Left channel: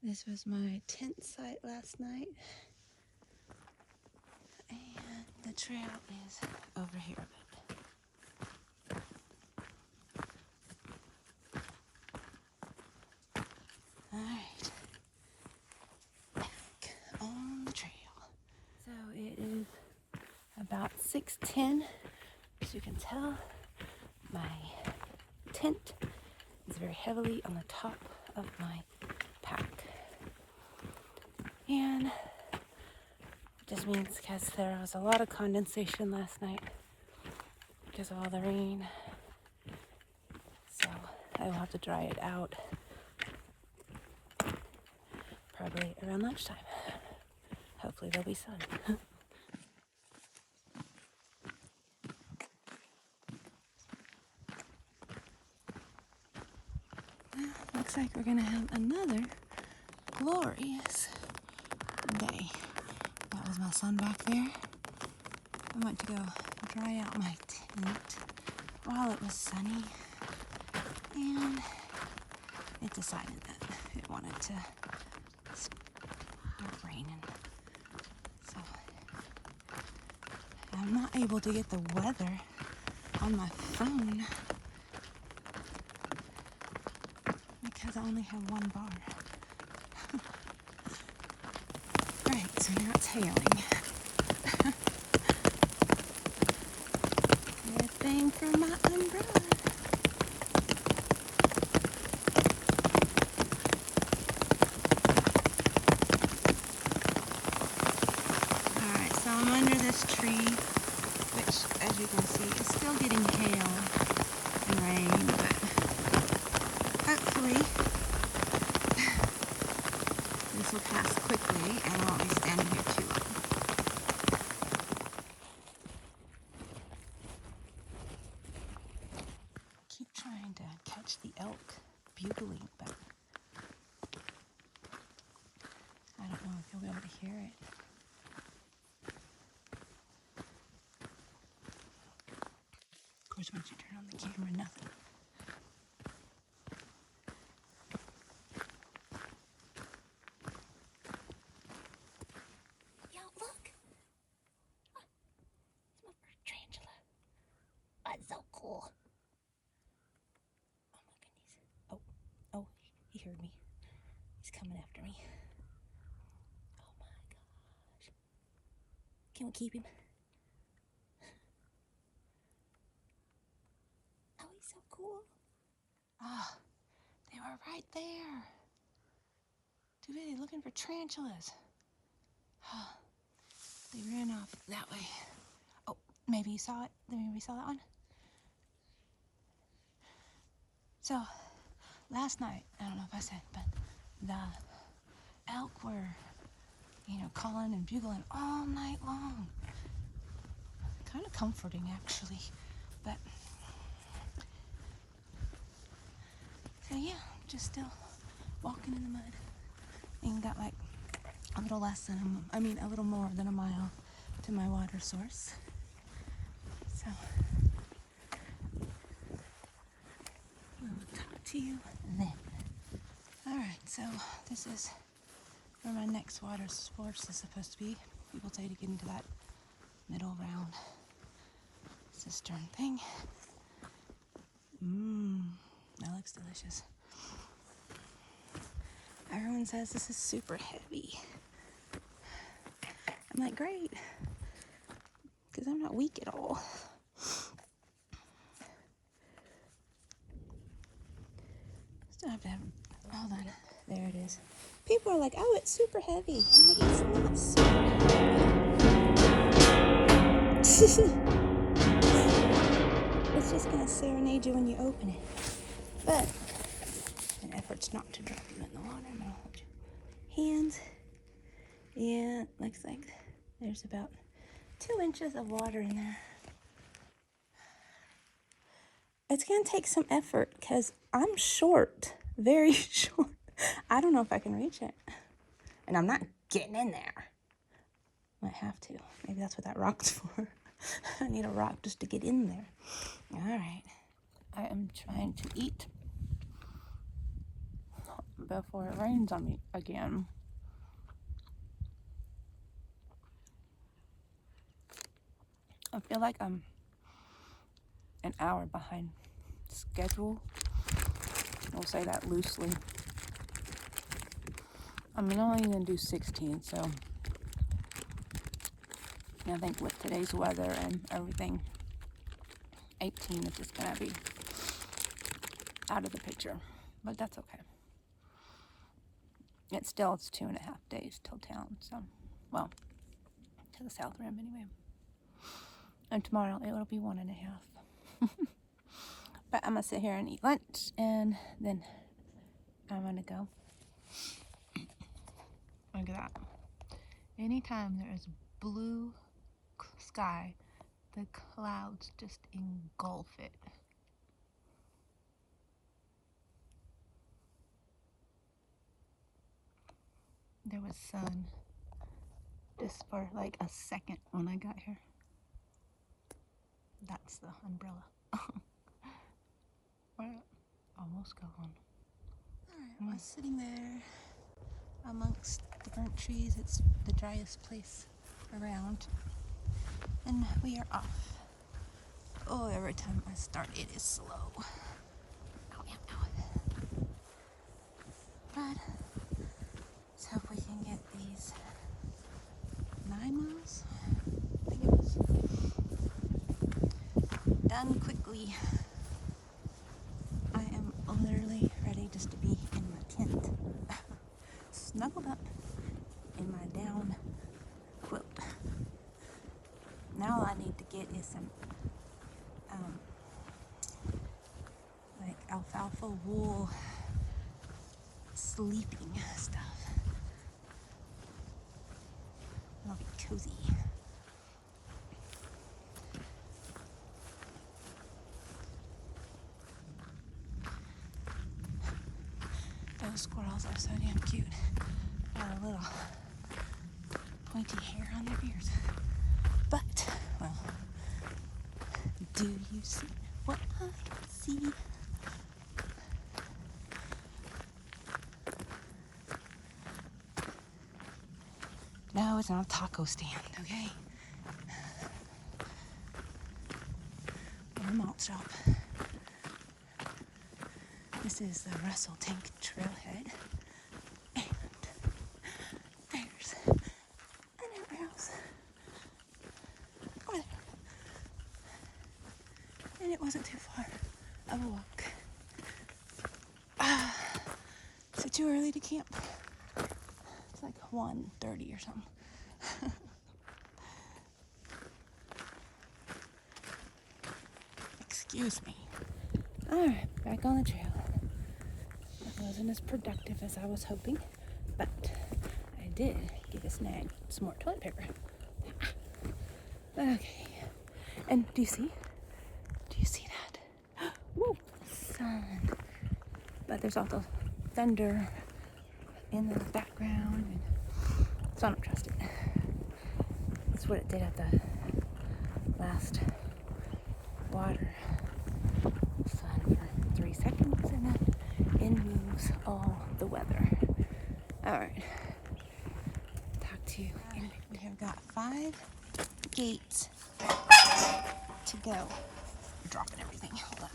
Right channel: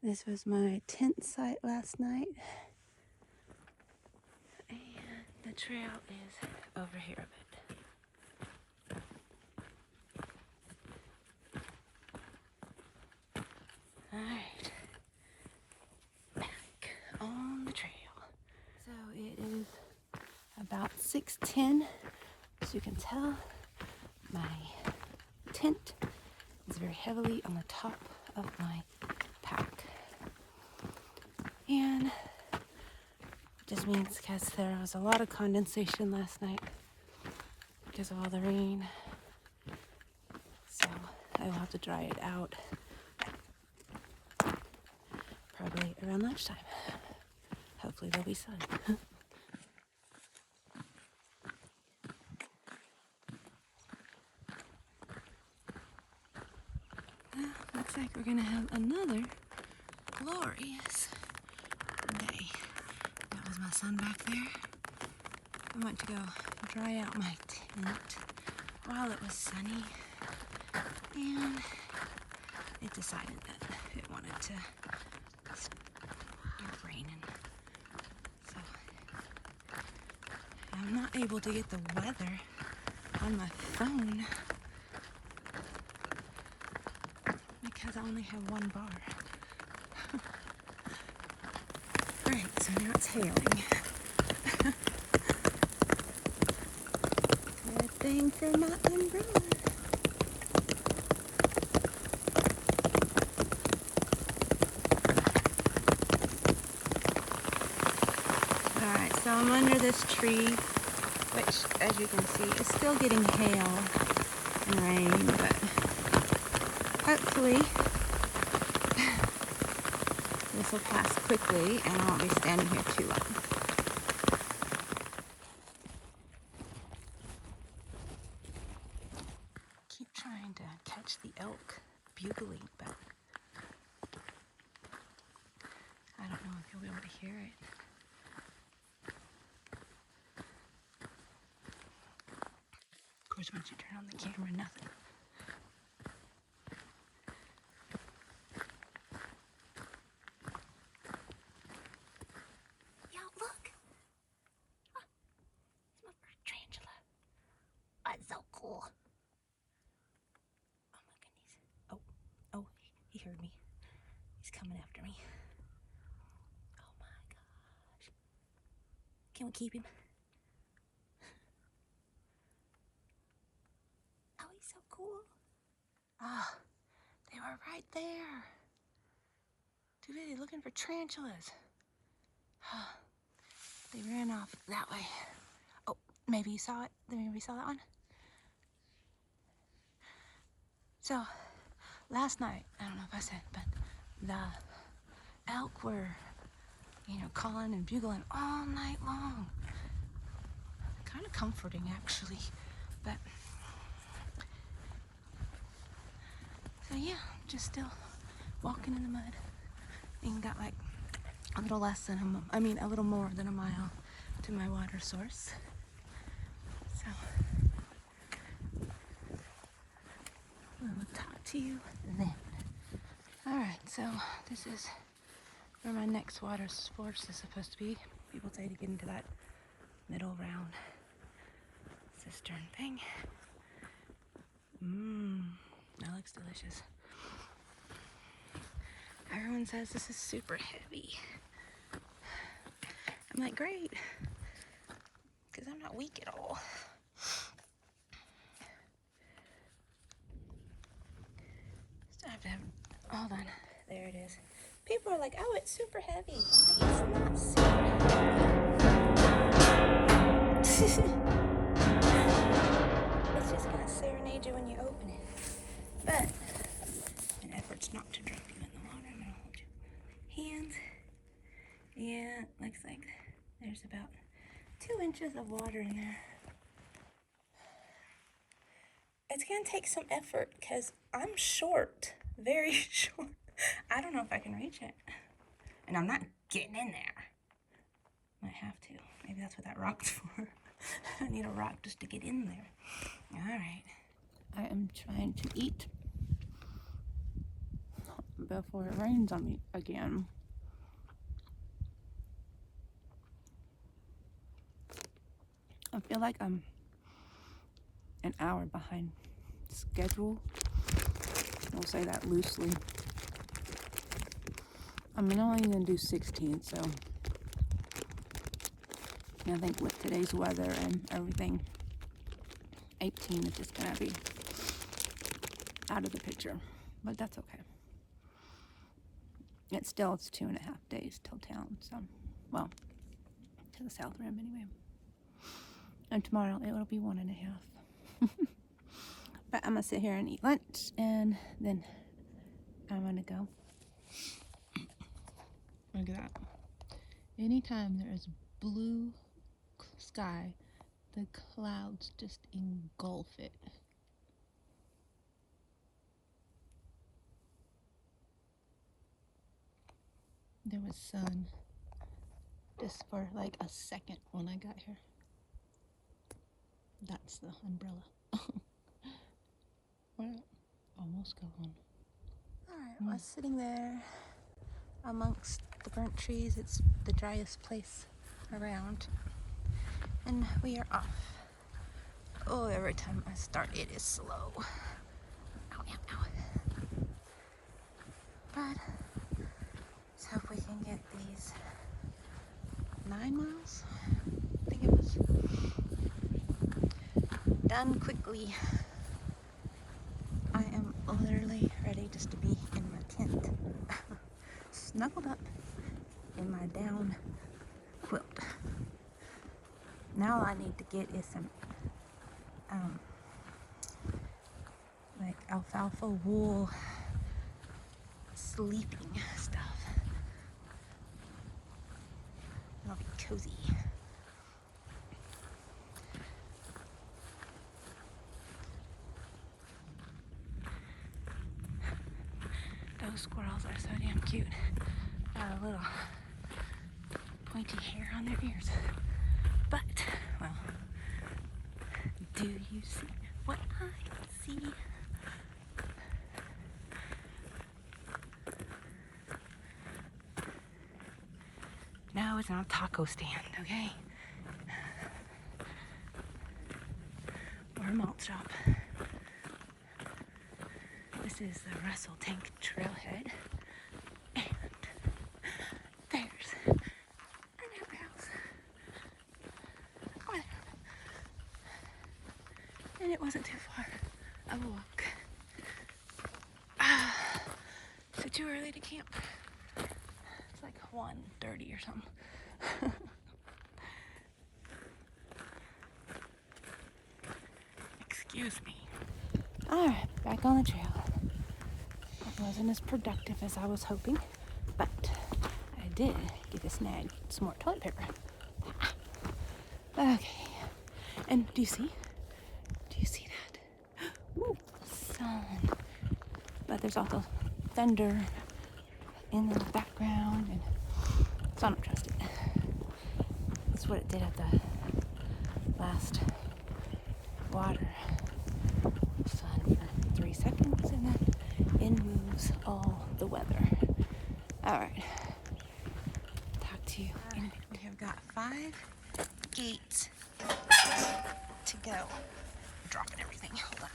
This was my tent site last night. And the trail is over here. Alright. Back on the trail. So it is about 6:10. As you can tell, my tent is very heavily on the top of my pack. And it just means because there was a lot of condensation last night because of all the rain. So I will have to dry it out probably around lunchtime. Hopefully there'll be sun. Looks like we're gonna have another glorious day. That was my son back there. I went to go dry out my tent while it was sunny, and it decided that it wanted to start raining. So I'm not able to get the weather on my phone because I only have one bar. Alright, so now it's hailing. Good thing for my umbrella. Alright, so I'm under this tree, which, as you can see, is still getting hail and rain, but hopefully this will pass quickly and I won't be standing here too long. Keep trying to catch the elk bugling, but I don't know if you'll be able to hear it. Of course, once you turn on the camera, nothing. Yo, look! Ah, it's my first tarantula. Oh, it's so cool. Oh my goodness. Oh, he heard me. He's coming after me. Oh my gosh. Can we keep him? Oh, he's so cool. Ah, they were right there. Too busy looking for tarantulas. They ran off that way. Oh, maybe you saw it. Maybe you saw that one. So, last night, I don't know if I said, but the elk were, calling and bugling all night long. Kind of comforting, actually. But, so yeah, just still walking in the mud. And got like a little a little more than a mile to my water source. So, I'll talk to you then. Alright, so this is where my next water source is supposed to be. People say to get into that middle round cistern thing. That looks delicious. Everyone says this is super heavy. I'm like, great, because I'm not weak at all. Still have to have, hold on, there it is. People are like, oh, it's super heavy. I'm like, it's not super heavy. It's just gonna serenade you when you open it. But an effort's not to drop you in the water. I'm gonna hold your hands. Yeah, it looks like there's about 2 inches of water in there. It's gonna take some effort because I'm short, very short. I don't know if I can reach it. And I'm not getting in there. Might have to. Maybe that's what that rock's for. I need a rock just to get in there. All right. I am trying to eat before it rains on me again. I feel like I'm an hour behind schedule. We'll say that loosely. I'm only going to do 16, so I think with today's weather and everything, 18 is just going to be out of the picture. But that's okay. It's 2.5 days till town, so, well, to the South Rim anyway. And tomorrow it'll be 1.5. But I'm going to sit here and eat lunch, and then I'm going to go. Look at that. Anytime there is blue sky, the clouds just engulf it. There was sun just for like a second when I got here. That's the umbrella. We're almost gone. Alright, I was sitting there amongst the burnt trees. It's the driest place around. And we are off. Oh, every time I start, it is slow. Ow, ow, ow. But let's hope we can get these 9 miles, I think it was, done quickly. I am literally ready just to be in my tent, snuggled up in my down quilt. Now all I need to get is some like alfalfa wool sleeping stuff. It'll be cozy. Those squirrels are so damn cute. Got a little pointy hair on their ears. But, well, do you see what I see? No, it's not a taco stand, okay? Or a malt shop. This is the Russell Tank Trailhead. And there's another house. Oh, and it wasn't too far of a walk. Is it too early to camp? It's like 1:30 or something. Excuse me. Alright, back on the trail. It wasn't as productive as I was hoping, but I did get a snag some more toilet paper. Okay. And do you see? Do you see that? Ooh, the sun. But there's also thunder in the background, and so I don't trust it. That's what it did at the last water sun for 3 seconds, and then it moves all the weather. Alright. Talk to you. We have got 5 gates to go. I'm dropping everything. Hold on.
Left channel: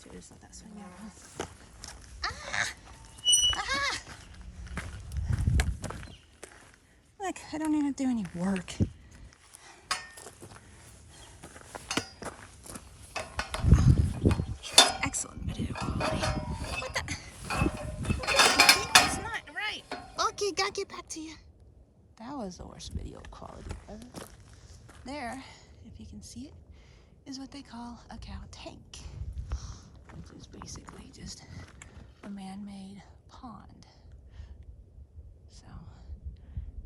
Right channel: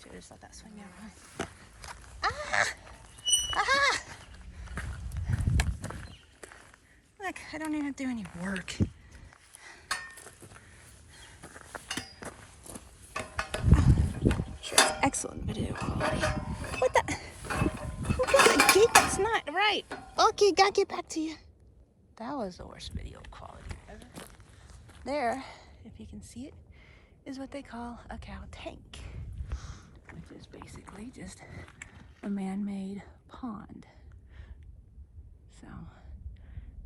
Should have just let that swing out. Look, I don't even have to do any work. Excellent video quality. What the? Who got the gate? That's not right. Okay, gotta get back to you. That was the worst video quality ever. There, if you can see it, is what they call a cow tank, which is basically just a man-made pond. So,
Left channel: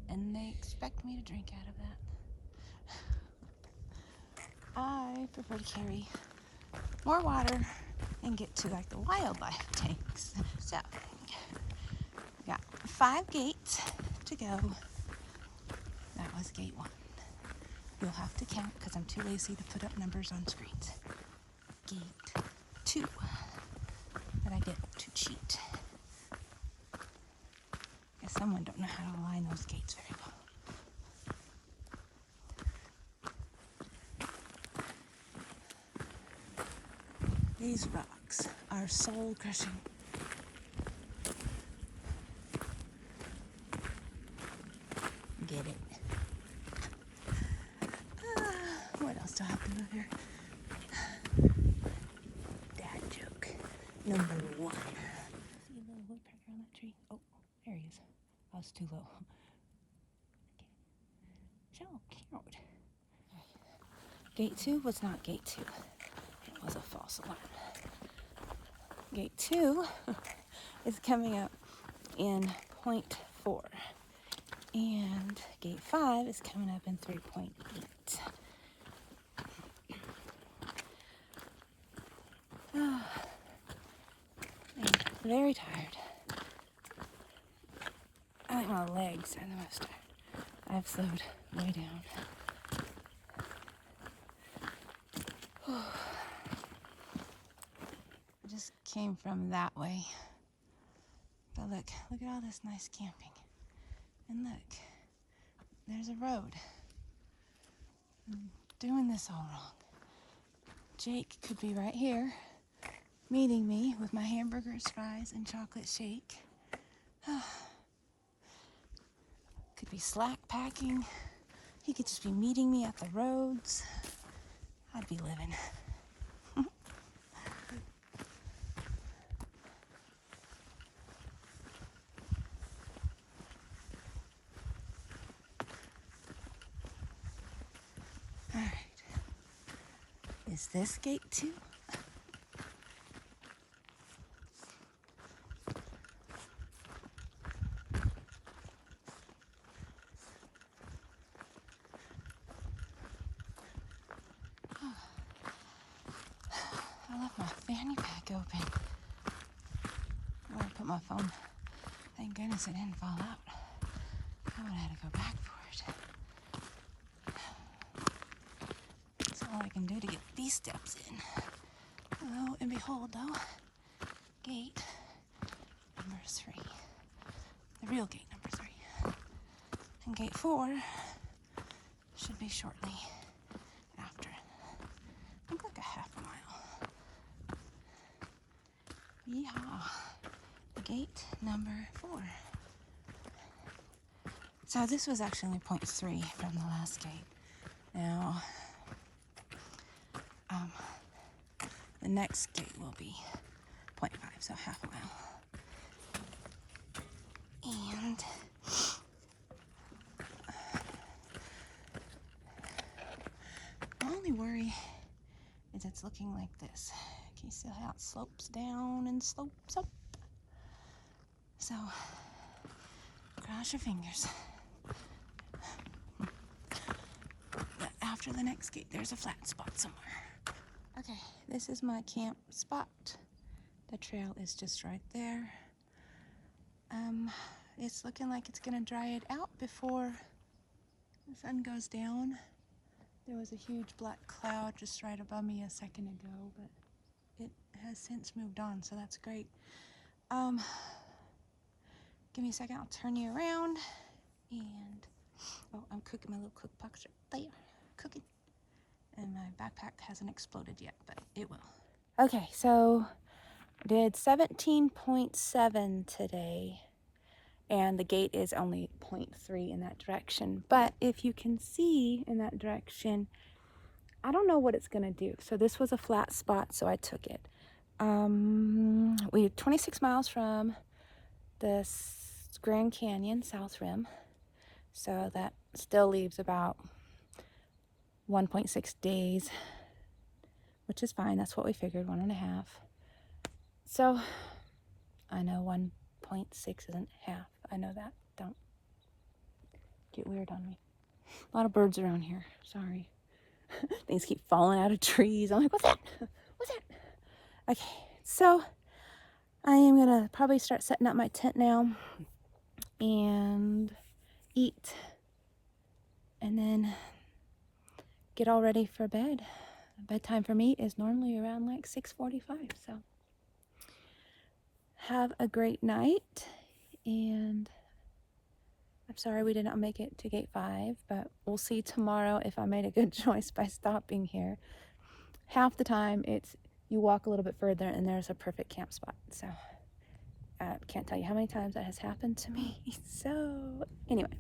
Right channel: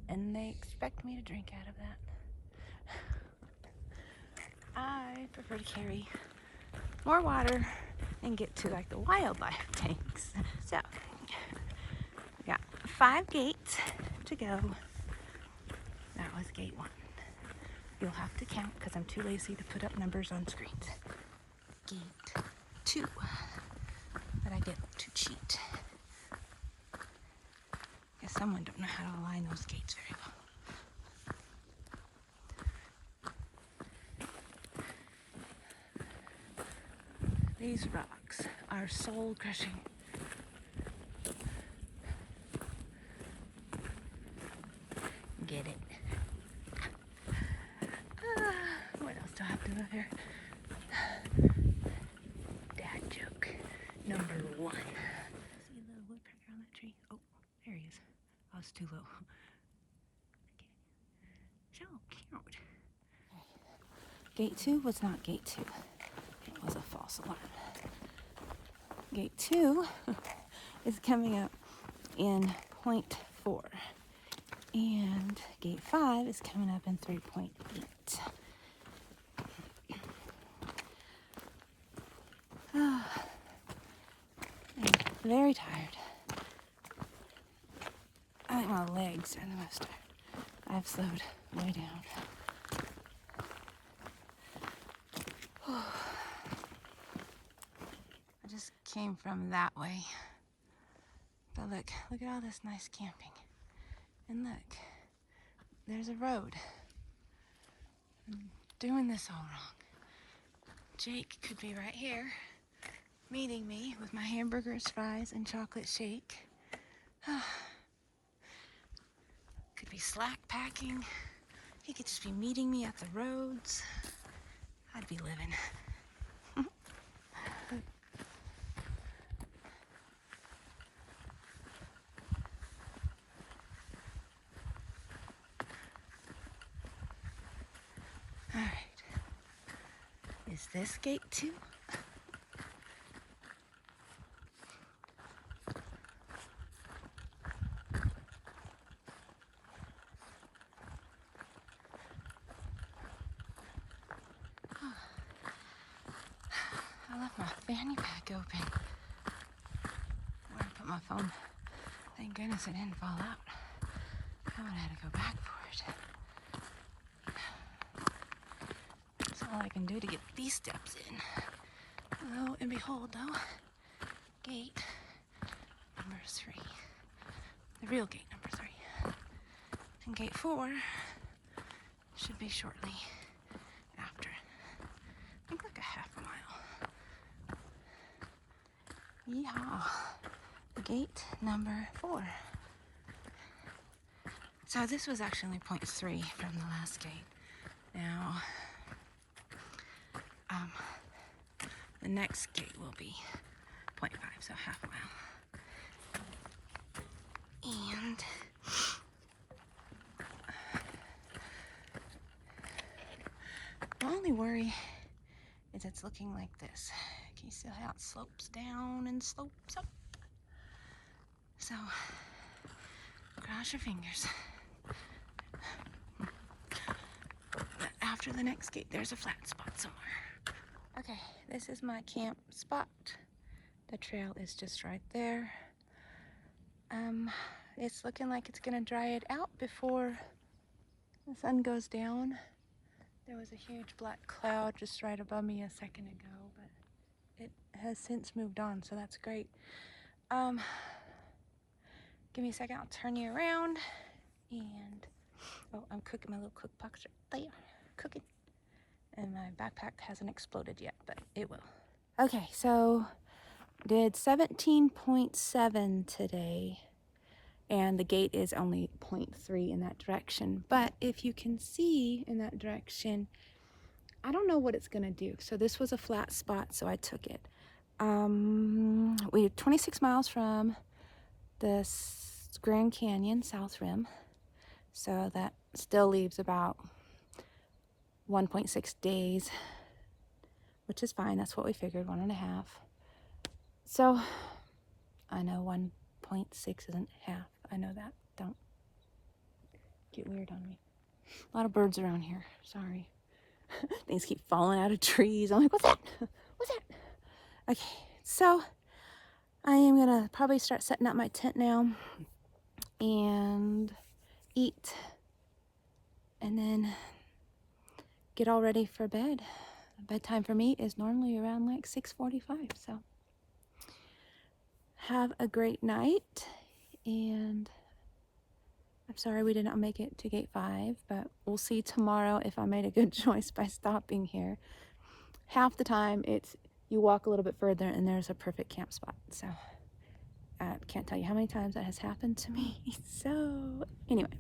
and they expect me to drink out of that. I prefer to carry more water and get to like the wildlife tanks. So, we got 5 gates to go. That was gate 1. You'll have to count because I'm too lazy to put up numbers on screens. Gate 2 that I get to cheat. Guess someone don't know how to align those gates very well. These rocks are soul crushing. Get it? What else do I have to do here? Dad joke number 1. See a little woodpecker on that tree? Oh, there he is. I was too low. Okay. So cute. Gate 2 was not gate 2. It was a false alarm. Gate 2 is coming up in 0.4. And gate 5 is coming up in 3.8. I'm very tired. I think my legs are the most tired. I've slowed way down. I just came from that way. But look at all this nice camping. And look, there's a road. I'm doing this all wrong. Jake could be right here, meeting me with my hamburgers, fries, and chocolate shake. Could be slack packing. He could just be meeting me at the roads. I'd be living. All right. Is this gate 2? I left my fanny pack open. I put my phone. Thank goodness it didn't fall out. I would have had to go back for it. That's all I can do to get these steps in. Lo and behold, though, gate number 3. The real gate number 3. And gate 4 should be shortly after. I think like a half a mile. Yeehaw. Gate number 4. So this was actually 0.3 from the last gate. Now, the next gate will be 0.5, so half a mile. And my only worry is it's looking like this. Can you see how it slopes down and slopes up? So, cross your fingers. But after the next gate, there's a flat spot somewhere. Okay, this is my camp spot. The trail is just right there. It's looking like it's gonna dry it out before the sun goes down. There was a huge black cloud just right above me a second ago, but it has since moved on, so that's great. Give me a second, I'll turn you around. And, oh, I'm cooking my little cook box right there, cooking. And my backpack hasn't exploded yet, but it will. Okay, so did 17.7 today. And the gate is only 0.3 in that direction. But if you can see in that direction, I don't know what it's gonna do. So this was a flat spot, so I took it. We're 26 miles from the Grand Canyon South Rim. So that still leaves about 1.6 days, which is fine. That's what we figured, 1.5. So I know 1.6 isn't half. I know that. Don't get weird on me. A lot of birds around here. Sorry. Things keep falling out of trees. I'm like, what's that? What's that? Okay, so I am gonna probably start setting up my tent now and eat and then get all ready for bed. bedtime for me is normally around like 6:45. So have a great night, and I'm sorry we did not make it to gate 5, but we'll see tomorrow if I made a good choice by stopping here. Half the time it's you walk a little bit further and there's a perfect camp spot. So I can't tell you how many times that has happened to me. So anyway,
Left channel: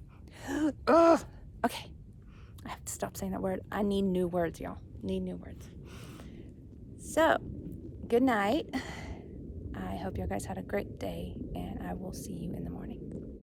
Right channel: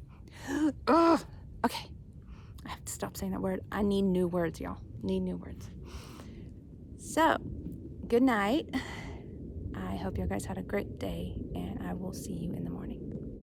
ugh, okay, I have to stop saying that word. I need new words, y'all. Need new words. So good night. I hope you guys had a great day, and I will see you in the morning.